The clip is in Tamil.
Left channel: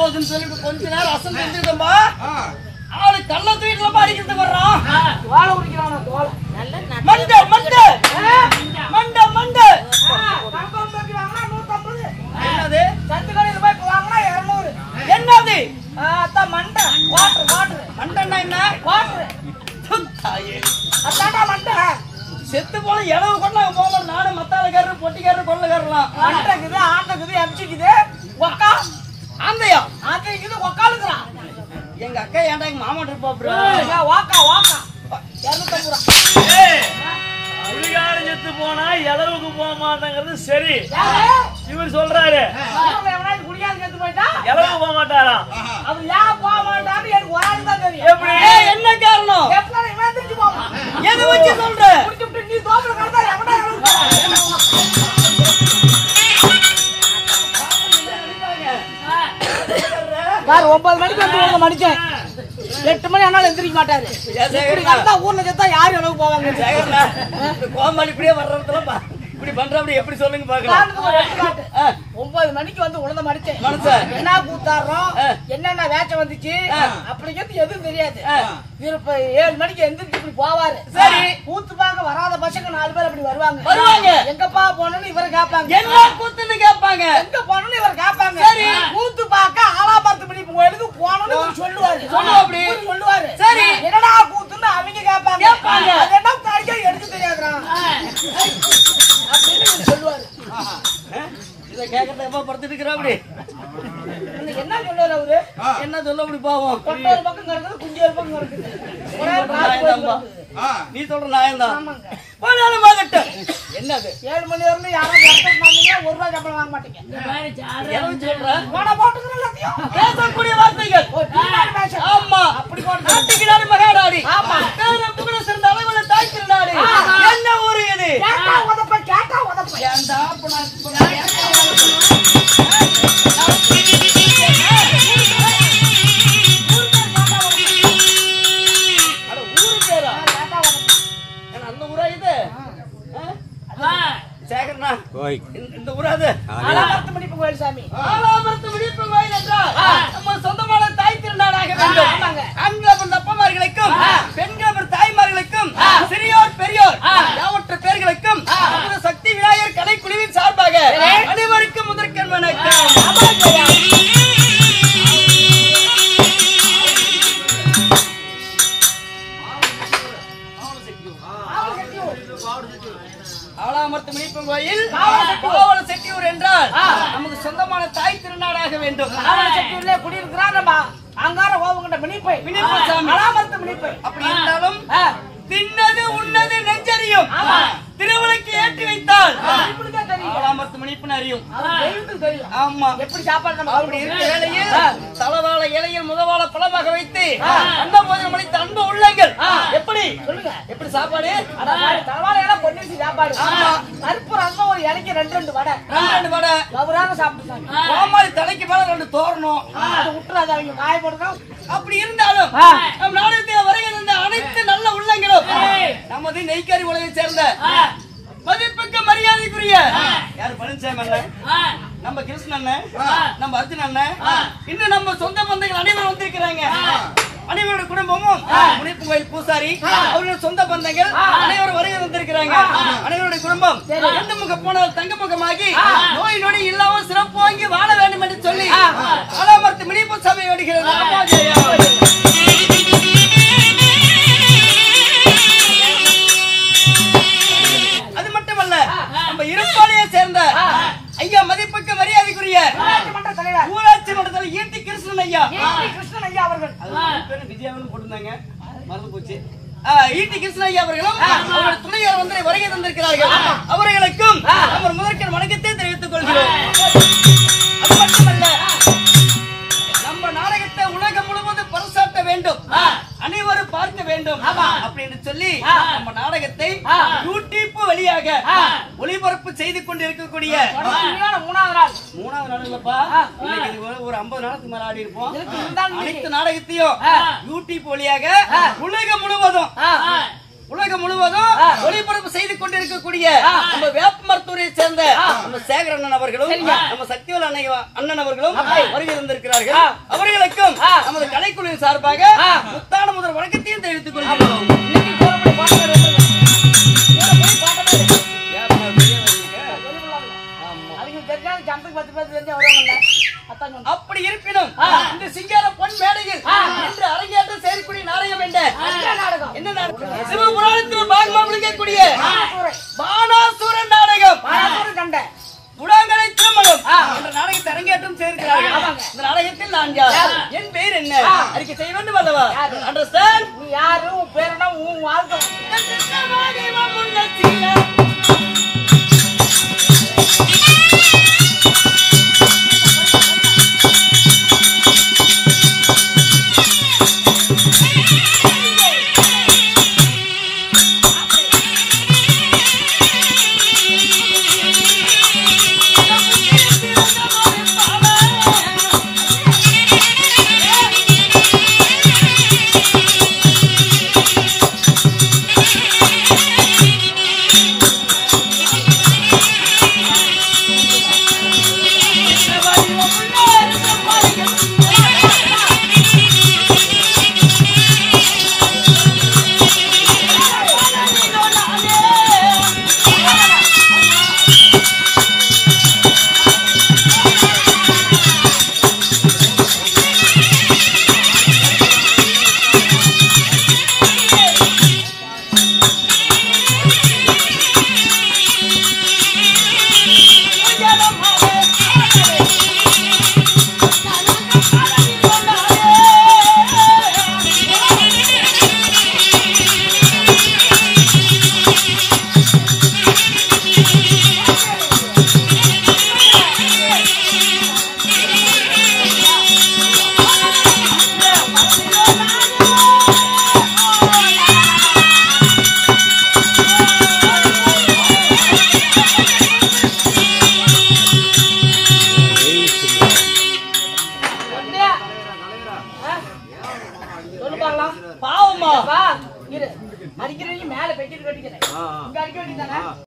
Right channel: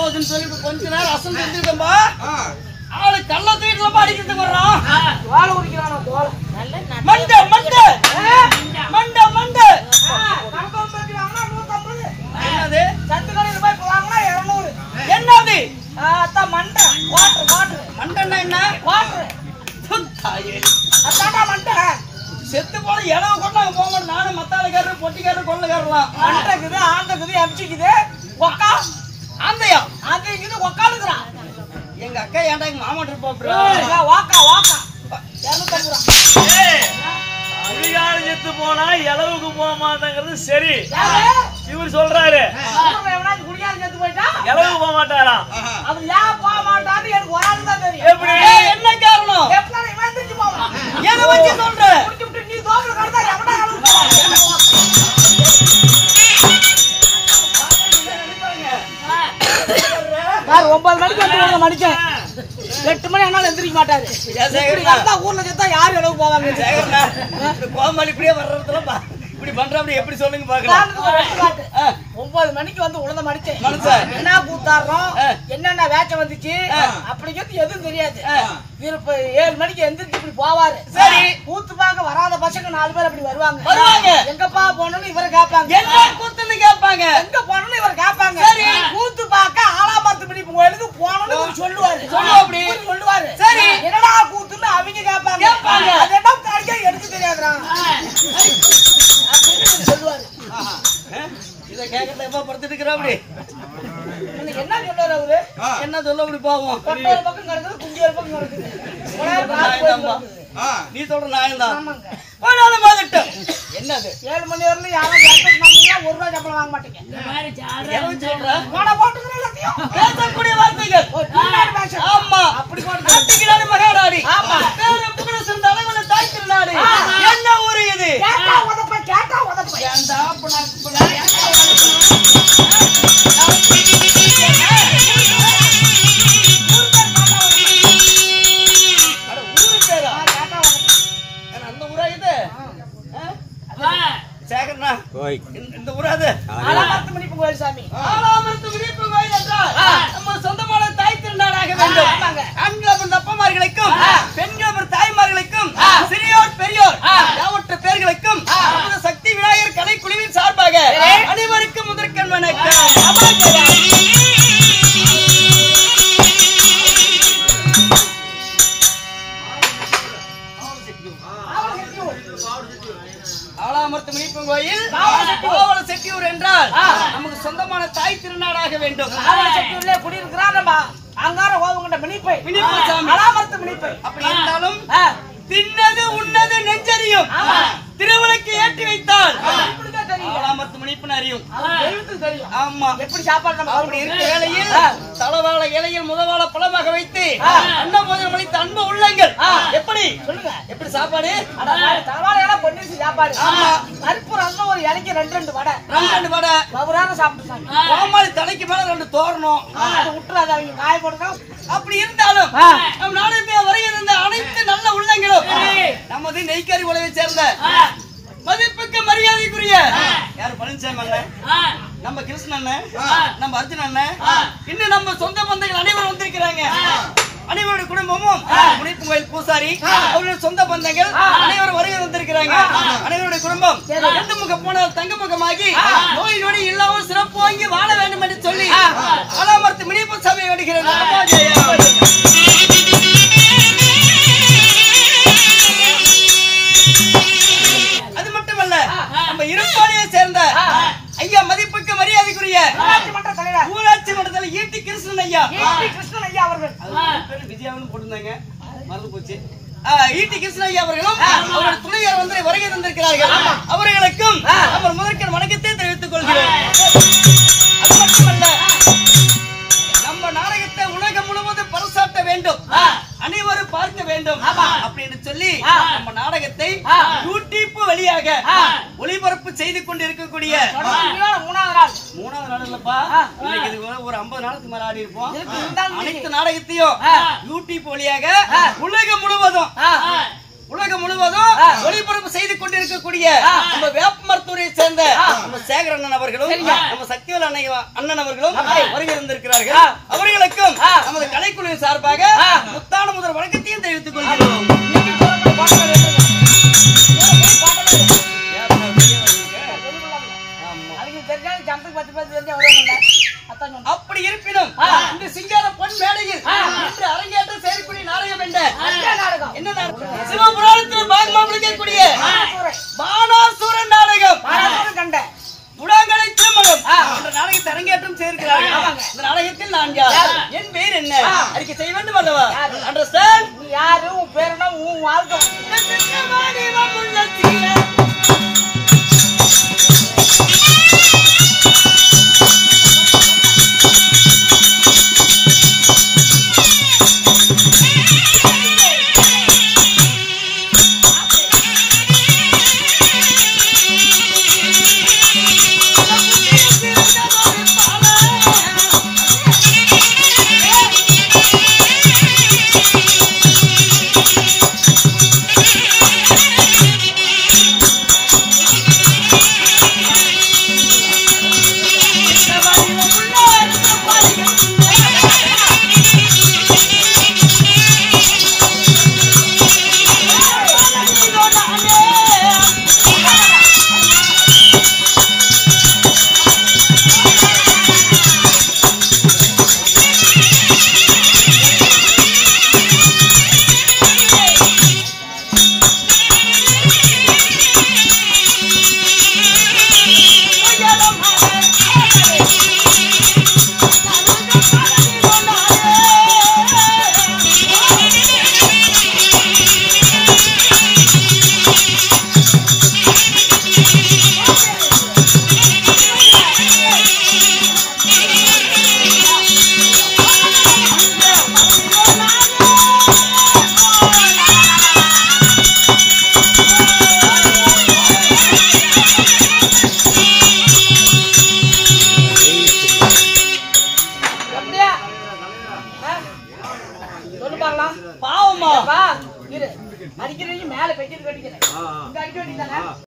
போகுதுன்னு சொல்லிட்டு கொஞ்ச நேரம் அசந்து வந்துட்டோம்பா. ஆளு கள்ள தூக்கிட்டு அடிக்கிறதுக்கு வர்றான். தோலை குடிக்கிறான் தோலை. மண்டை மண்டை மண்டை மண்டை. என்னது? சந்து கடையில் போய் வாங்கினா 200. என்னது? அதான் மண்டை. Water water. மண்டைன்னா என்ன? வாட்டர். அதான்டா மண்டை. செத்து போல இளவு கொண்டு நாங்க போக நானும் மத்தாளக்காரரு பொட்டிக்காரரு கொள்ளக்காரலாம். மண்டைக்குது ஆண்டைக்குது எம்சிக்குது ஒக்கா ஆந்தையா ஆந்தைக்குது ஒக்காலுக்குறான். எங்க அக்கா ஏன்டா எங்க மாமா இருப்பா ப்ரோ. வாக்கா வாக்கா 250 ரூபா. குடிகாரம் செத்து போனா இளவுக்கு போக மாட்டாங்கிறது சரி. இவர் சொல்றாரு குடிக்காது செத்து போயிட்டா இளவுக்கு போக மாட்டாராம். அது ஏன் போக மாட்டான்னு எனக்கு ஒரு ஆள் தான் தெரியும். எப்படி? என்ன காரணம்? எப்ப இவன் தெரிஞ்சு போவான். எதை வச்சு சொல்ற? குடிச்சுட்டு நீ தோப்புல கடந்தா எவனா இளவுக்கு போவான். சார் 9 மணிக்கு எந்திரிக்க மடிச்சேன். 8 மணி ஆனாலும் எந்திரிக்க மாட்டாரு. ஊர்ல செத்தா யாரு இளவுக்கு போவாங்க? சேகரண்ணா கோமாளி இப்படியே வர்றதுல இப்படி பண்ற எப்படி சொல்லுங்க பாக்கலாம். 9 மணிக்கு வந்து உழுந்த மடிச்சேன். மனுஷன் என்ன கூத்தாடுறோம் என்னென்ன வேச்ச வந்துச்சு அப்படிங்கிறது எதுவும் தெரியாது. இப்ப 7 மணிக்கு எந்திரிச்சு இப்படி போவாரு. சரி கூத்து பார்க்க வராத பசங்க 4 பேர் அப்படி வருவாங்க. எங்கப்பா போனோம்னு இவரை கேட்பாங்க. என்ன கூத்துன்னு கேட்பாங்க. எங்க போனோம்னு இவரை கேட்பாங்க. சரி கூத்து பார்க்க ஆலாமரத்து பிடிப்பு கோயிலுக்கு போனோம்னு இவர் சொல்லுவாரு. அப்படி சொல்லுவாரு. சரி என்னடா கூத்துன்னு அவங்க கேட்பாங்க. அது என்ன தாடிக்கா எடுக்க தெரியாதுடா அப்படின்னு சொல்லுவாரு. இத கேட்கறத எப்ப படுத்துட்டு இருக்கிறா அப்படி என்ன சொல்றாரு அவரு? என்ன சொல்ல அப்படி பாவம். கொட்டையல் பக்கம் கிடக்குது குஞ்சு பக்கம் கிடக்குது. நீ சொல்ற நியாயம் தான். ஆமாங்க. என்னது 7 மணி வரைக்கும் யாரும் எக்ஸ்பெக்ட் பண்ணீங்க 1 ரூபாய் சம்பளம் வாங்க மாட்டீங்க. போன போட்டுக்கிற எல்லாத்தையும் பேசக்கூடிய வார்த்தைகள். ஆமா அப்படி போட்டு நாட்டுக்கு மகாநாடி. ஆமா. பேரும் புகழ சிறந்த அளவுல தாய் திருநாடு. என்ன ஊரு இது? கேட்டா உதப்ப ஏன்டா ஊரு பேரா? அந்த ஊரா இது? சேகரண்ணா இந்த ஊராது ஆலாமரத்து மணிப்பு கோயில் சாமி. ஆலாமரத்து விழிப்பு கோயில் என்றால் நம்ம சொந்தமான தாய் திருநாடாக வேண்டும். ஆண்கள் அப்பமார்களுக்கும் பெண்கள் தாய்மார்களுக்கும் சிறியோர் பெரியோர் யாவற்ற பேர்களுக்கும் சக்தி விநாயகர் கலைக்குழுவின் சார்பாக அனைவருக்கும் முதற்கண் வணக்கம். ஆலாமரத்து விழிப்பு கோயில் கோவல செட்டியூர் என்றால் நமக்கு சொந்தமான தாய் திருநாடாக வேண்டும். செட்டியூர்ல குடியிருக்கிறார் நம்ம அங்கார கோவங்கண்ட மினிப்பை சாமி. ஆலாமரத்து மினிப்பை. அப்படி இருந்தாலும் தின்னது உன்னது நெஞ்சறியும் திருவிளக்கு ஏற்றி வைத்தால் ஆலாமரத்து மணிப்புன்னு அறியும். ஆமா எப்படி சாப்பாடு அப்படி இருக்க வேளையில் தலவாழ இலையில் முதவாழ பழமாக வைத்து அன்னபோஜனம் அளித்த அன்பு உள்ளங்கள் எப்படி சொல்லுங்க எப்படி சாப்பாடு? தலவாழையெல்லாம் பொன்னிச்சு சாப்பாடு. கருப்பு ரசம் ஒரு இலைக்கு 2 வடை 2 வடை கவுராக சாப்பிட்டு கோமாளி தலைக்கு மேல 2 தோரணும். அது விட்டுறாது அவங்க காயப்படுறோம். அப்படி இருந்தாலும் நம் நாடு வரை இருந்த அனைத்து நல்ல உள்ளங்களும் நமது நெய்க்காரி உலகை சேர்ந்த மதிப்புக்கு மரியாதைக்குரிய யாரு பழனிசாமி அண்ணன், நம்ம கிருஷ்ணன் அண்ணன், நம்ம அர்ஜுன் அண்ணன், இன்னும் நம்ம சொந்த பந்தங்கள் அனைவரும் வந்திருக்கிறாங்க. அனைவருடைய குடும்பமும் முனிப்பு கோயில் பூசாரி அவருடைய சொந்த பந்தங்கள் அனைவரும் வருகை வந்திருக்கிறாங்க. அனைவருடைய குடும்பம் எந்த முகம் போனால் தங்க முகமாகி நோய் நொடி இல்லாமல் சிறப்பு வாங்கி வாழ வேண்டும் என்று சொல்லி ஆலாமரத்து முனிப்பு சபை வருகிறது. அது மட்டுமல்ல நம்ம இருப்பாளையை சேர்ந்த ஐயா மதிப்புக்கு மரியாதைக்குரிய ஊராட்சி மன்றத்தில் ஈட்டி கிருஷ்ணன் ஐயா அவர்கள் விஜயாவின்னு போட்டிருந்தாங்க மறந்து போச்சு. ஈட்டி கிருஷ்ணன் ஐயா அவர்களும் அவருடைய துணையார் வந்து வருகை தந்திருக்கிறார்கள். அவர்களுக்கும் நம்ம முதற்கண் வணக்கத்தை தெரிவித்துக் கொள்கிறோம். அது மட்டுமல்ல நம்ம நாடகத்தை உலகம் முழுவதும் பரிசாட்ட வேண்டும், அனைவரும் பார்க்க வேண்டும் அப்படின்னு சொல்லி நம்ம நாடகத்தை யூடியூப் வழியாக ஒளிபரப்பு செய்து கொண்டு இருக்கக்கூடிய 3வது நாள் இல்லப்பா, ஒரு 50 நாளுக்கு மேல ஆடி இருப்போம். அனைத்து நாடகத்தையும் யூடியூப் வழியாக உலகம் முழுவதும் உலகம் முழுவதும் ஒளிபரப்பு செய்து கொண்டிருக்கக்கூடிய நம்ம வேப்ப மருத்துவரை சேர்ந்த நம்ம சேகர் அண்ணன் அவர்களும் நம்ம சக்திவேல் அண்ணன் அவர்களும் வருகை இருந்திருக்கிறார்கள். அவர்களுக்கும் நமது கலைக்குழுவின் சார்பாக முத்தான முதல் வணக்கத்தையும் தெரிவித்துக் கொள்கிறோம். அப்படி இருப்பினும் இந்த சிங்கார பொன் மேடையில் இன்று அரங்கேற்றம் செய்யக்கூடிய நாடகம் என்ன நாடகம்? சிவபுராணத்தில் பாகமா விளங்கக்கூடிய பானாசுரன் நாடகம். புடாங்கலை திருமணம் என்ற நாடகத்தை அரங்கேற்றம் செய்திருக்கிறார்கள். இந்த நாடகத்தில் நான் யார், என் பெயர் என்ன அறிக்கை செய்ய வேண்டும் அல்லவா? அண்டர்ஸ்டாண்ட்? நீ யாரு, உன் பேர் என்ன, உன் வாழ்க்கை